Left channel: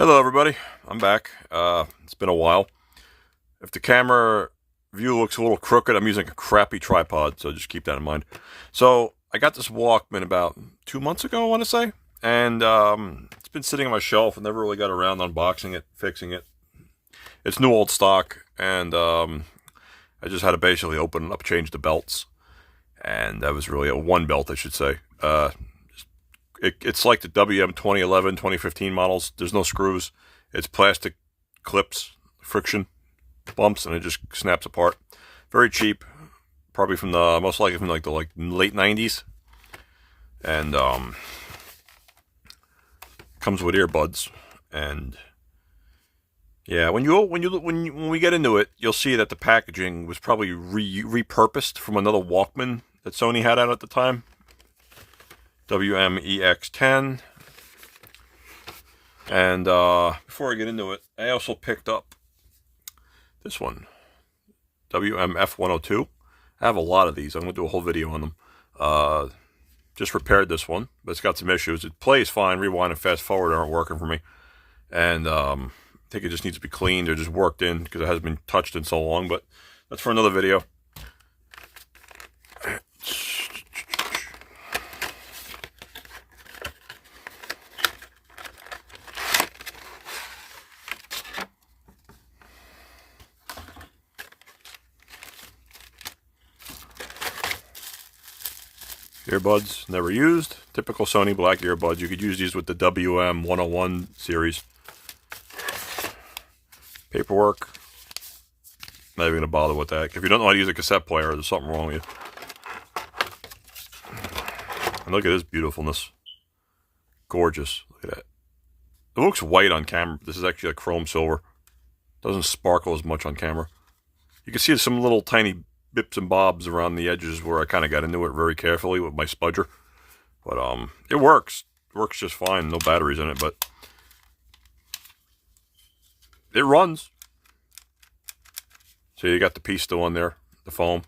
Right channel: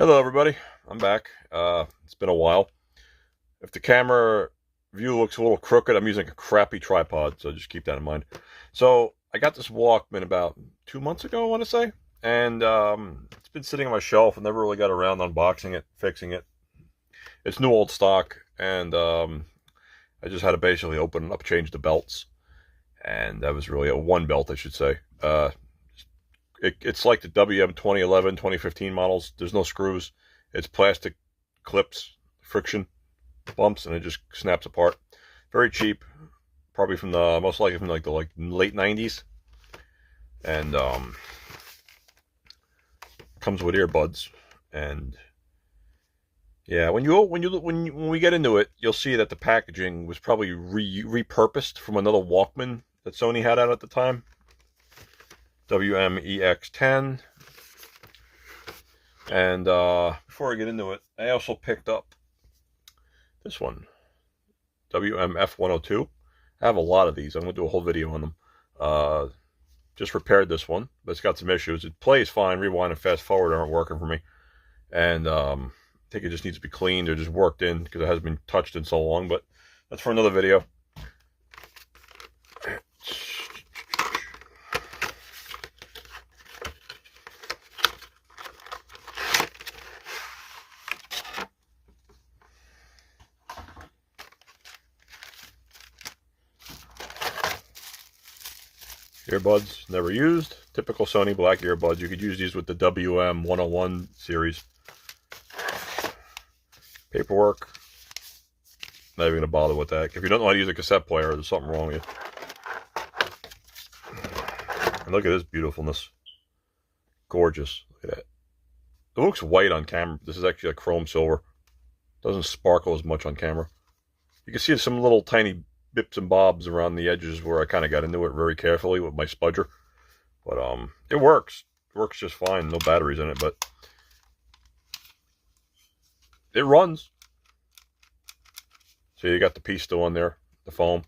Hello everybody, I'm back. It's been a while. If the camera view looks a little crooked, I'm using a crappy tripod, so just keep that in mind. So I got this Walkman about 2 months ago, I want to say, and it's been sitting on my shelf. I never really got around to unboxing it, fixing it. It's new old stock, and I just had to basically open it up, change the belts, and that was really a one belt, I should say. It's like the WM 2011, 2015 models. There's no screws. It's plastic clips, friction bumps, and it just snaps apart. Very cheap. Probably from the, most likely from like the late 90s. And comes with earbuds. And yeah, when we get into it, you'll see that the packaging was probably repurposed from another Walkman that Sony had out at the time. WM EX-10. And before I get into it, I also picked up this one, WM F102. I have a lot of these. I'm going to do a whole video on them. Just repaired this one, but it's got some issues. It plays fine. Rewind and fast forward aren't working for me. And I think it just needs to be cleaned or just worked in because it hasn't been touched in so long, but that's for another video. Earbuds, never used. Typical Sony black earbuds. You could use these with the WM 101 series. Paperwork. Not even going to bother with that. If you don't know how to use a cassette player, there's something wrong with you. And look at this beautifulness. Gorgeous. Look at that. It looks white on camera. This is actually a chrome silver. Doesn't sparkle as much on camera. You can see some little tiny bips and bobs around the edges where I kind of got into it very carefully with my spudger. But it works. It works just fine. No batteries in it, but it runs. So you got the piece still on there, the foam.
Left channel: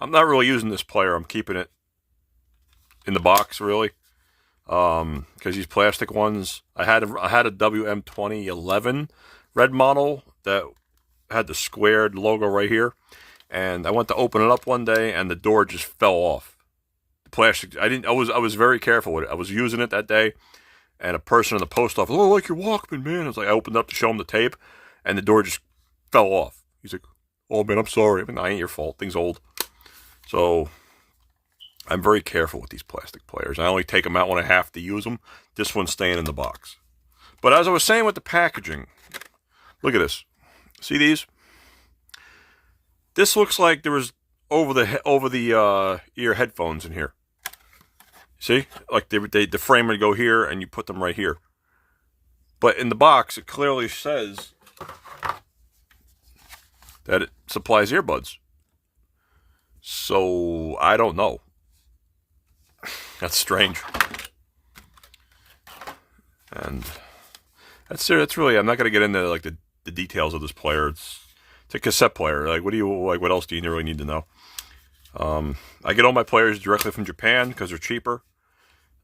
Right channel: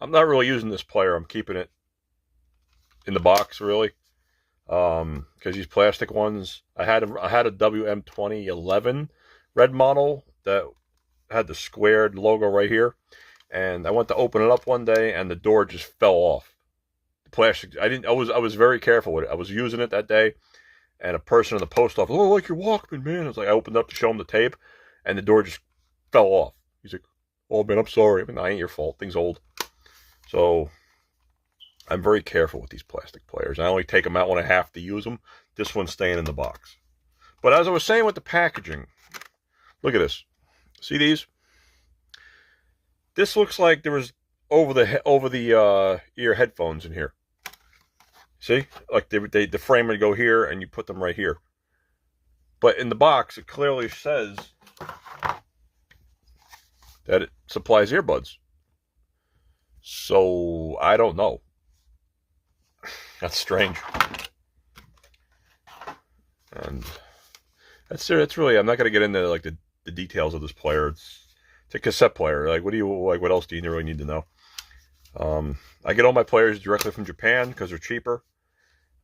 I'm not really using this player. I'm keeping it in the box, really. Because these plastic ones, I had a WM 2011 red model that had the squared logo right here. And I went to open it up one day, and the door just fell off. The plastic. I was very careful with it. I was using it that day, and a person in the post office, "Oh, I like your Walkman, man." I was like, I opened up to show him the tape, and the door just fell off. He's like, "Oh man, I'm sorry." I mean, I ain't your fault. Thing's old. So I'm very careful with these plastic players. I only take them out when I have to use them. This one's staying in the box. But as I was saying with the packaging, look at this. See these? This looks like there was over the ear headphones in here. See, like the frame would go here, and you put them right here. But in the box, it clearly says that it supplies earbuds. So I don't know. That's strange. And that's really. I'm not gonna get into like the details of this player. It's a cassette player. Like, what else do you really need to know? I get all my players directly from Japan because they're cheaper.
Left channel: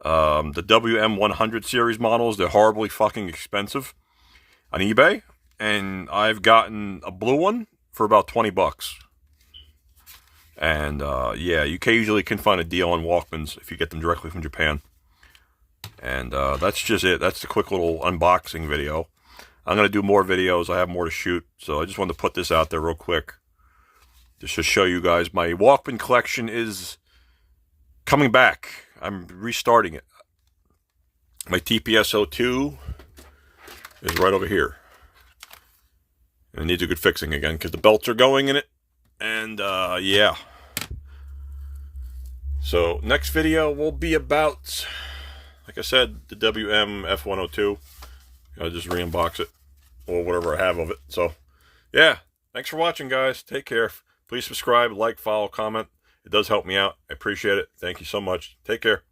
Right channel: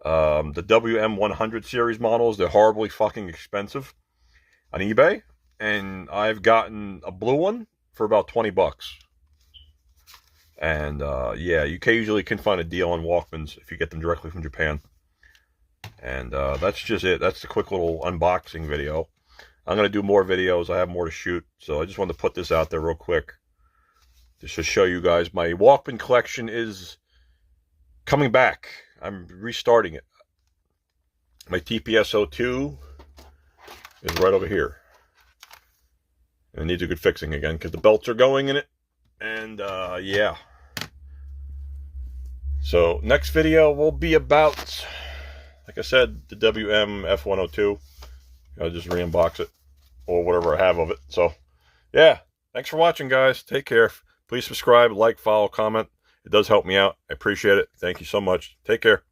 The WM 100 series models, they're horribly fucking expensive on eBay. And I've gotten a blue one for about 20 bucks. And, yeah, you usually can find a deal on Walkmans if you get them directly from Japan. And, that's just it. That's the quick little unboxing video. I'm going to do more videos. I have more to shoot. So I just wanted to put this out there real quick. Just to show you guys my Walkman collection is coming back. I'm restarting it. My TPS-02 is right over here. And it needs a good fixing again because the belts are going in it. And, yeah. So next video will be about, like I said, the WM F102. I'll just re-unbox it or whatever I have of it. So, yeah. Thanks for watching, guys. Take care. Please subscribe, like, follow, comment. It does help me out. I appreciate it. Thank you so much. Take care.